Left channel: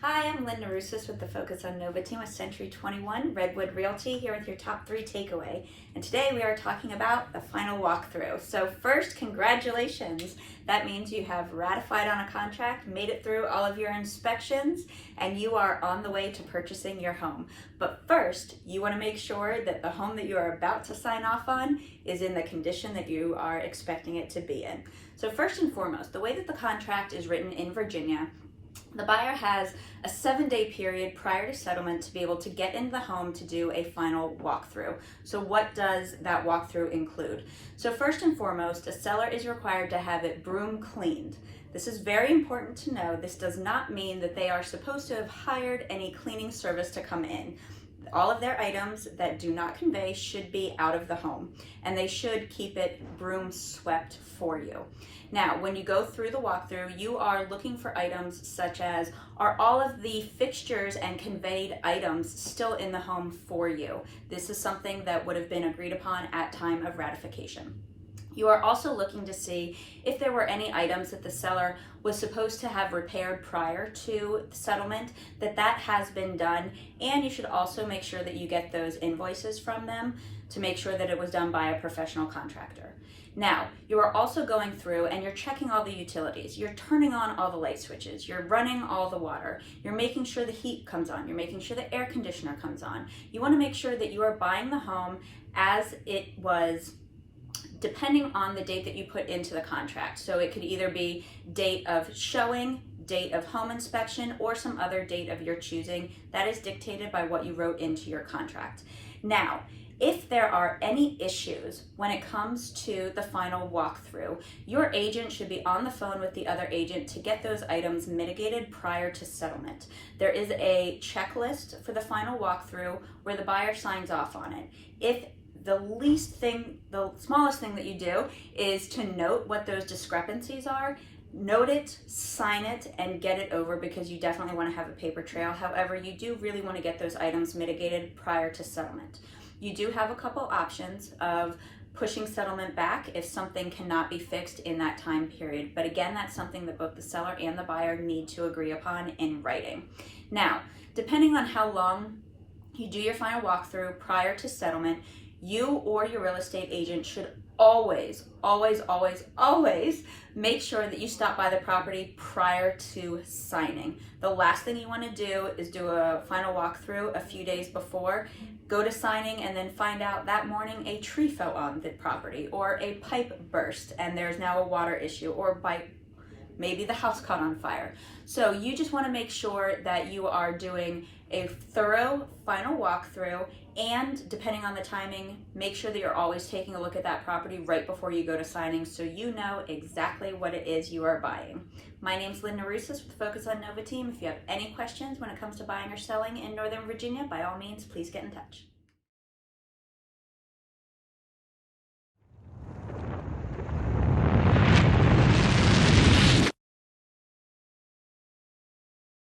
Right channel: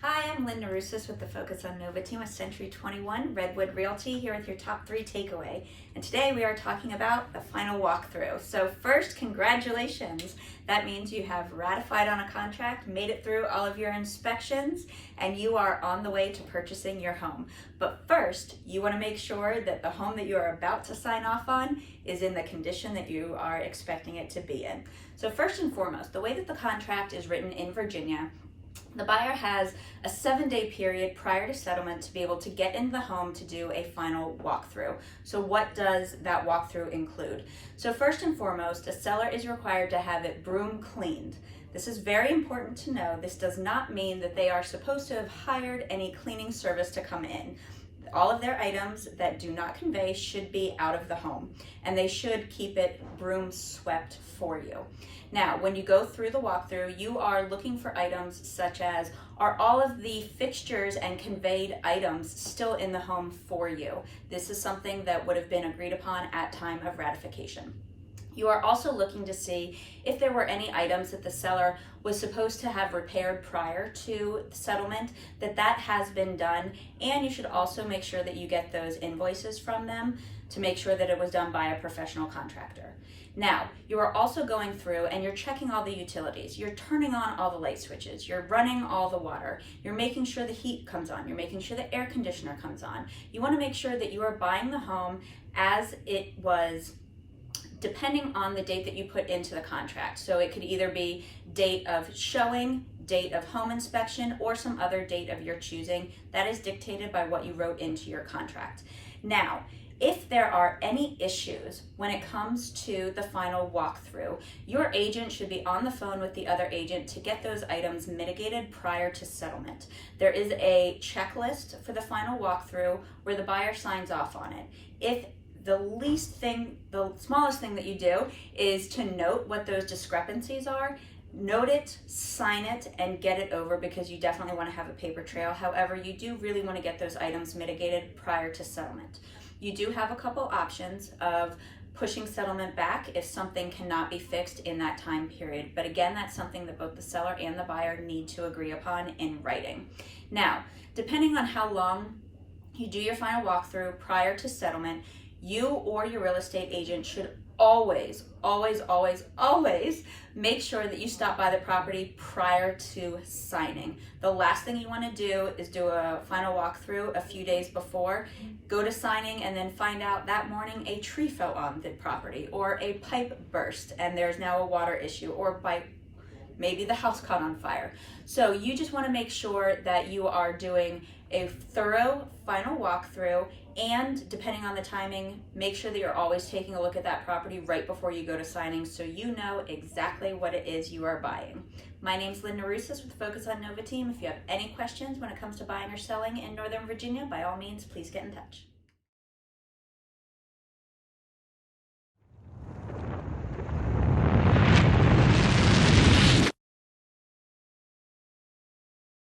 Hi, I'm Lynn Norusis with the Focus on Nova team with Century 21 Redwood Realty here with your top 3 takeaway. And today we are talking about the final walkthrough. So first, congratulations. That means you have ratified on a contract, made it through all of your inspections, and you are on the way to purchasing your home. But first, you want to make sure that the home that you are about to sign off on is in the condition that you are expecting it to be in. So first and foremost, the way that the contract is written in Virginia, the buyer has a 7-day period prior to settlement to be able to get into the home to do a final walkthrough. So what does that walkthrough include? So first and foremost, a seller is required to have it broom cleaned. This is very important to know. This does not mean that they are supposed to have hired any cleaning service to come in. All of their items that do not convey should be out of the home, and they should keep it broom swept for you. Now, when you go through the walkthrough, you are looking for items such as, are all of the fixtures and conveyed items still in the home for you? This is something that would have been agreed upon at time of ratification. You are also looking to see if there were any items that the seller was supposed to have repaired prior to settlement, that has been done, and you should also make sure that you get those invoices from them to make sure that it was done by a professional contractor. Now, you are also going through and you're checking all the utilities. You're turning on all the light switches. You're running all the water. You're making sure the heat comes on. You're making sure the air conditioner comes on. You want to make sure that you are buying the home as it was, depending on the date that you put into the contract. So it could either be date of showing, date of home inspection, or some other date of your choosing. That is dictated by what you wrote into your contract. Now, if there are any issues when it comes to the final walkthrough, your agent should be on the phone with the other agent to get those items mitigated prior to settlement. There is a checklist for the final walkthrough where the buyer signs off on it. If the smallest thing that you do is to note what those discrepancies are, note it, sign it, and get it over, because you definitely want to have a paper trail. However, you do really want to get those items mitigated prior to settlement. You do have a couple options of pushing settlement back if something cannot be fixed in that time period. But again, that's something that both the seller and the buyer need to agree upon in writing. Now, depending on how long you do your final walkthrough prior to settlement, you or your real estate agent should always make sure that you stop by the property prior to signing. The last thing you want to do is do a final walkthrough a few days before, go to signing, and then find out that morning a tree fell on the property, or a pipe burst and there's now a water issue, or maybe the house caught on fire. So you just want to make sure that you are doing a thorough final walkthrough, and depending on the timing, make sure that you're always taking a look at that property right before you go to signing so you know exactly what it is you are buying. My name's Lynn Norusis with Focus on Nova team. If you have any questions when it comes to buying or selling in Northern Virginia, by all means, please get in touch.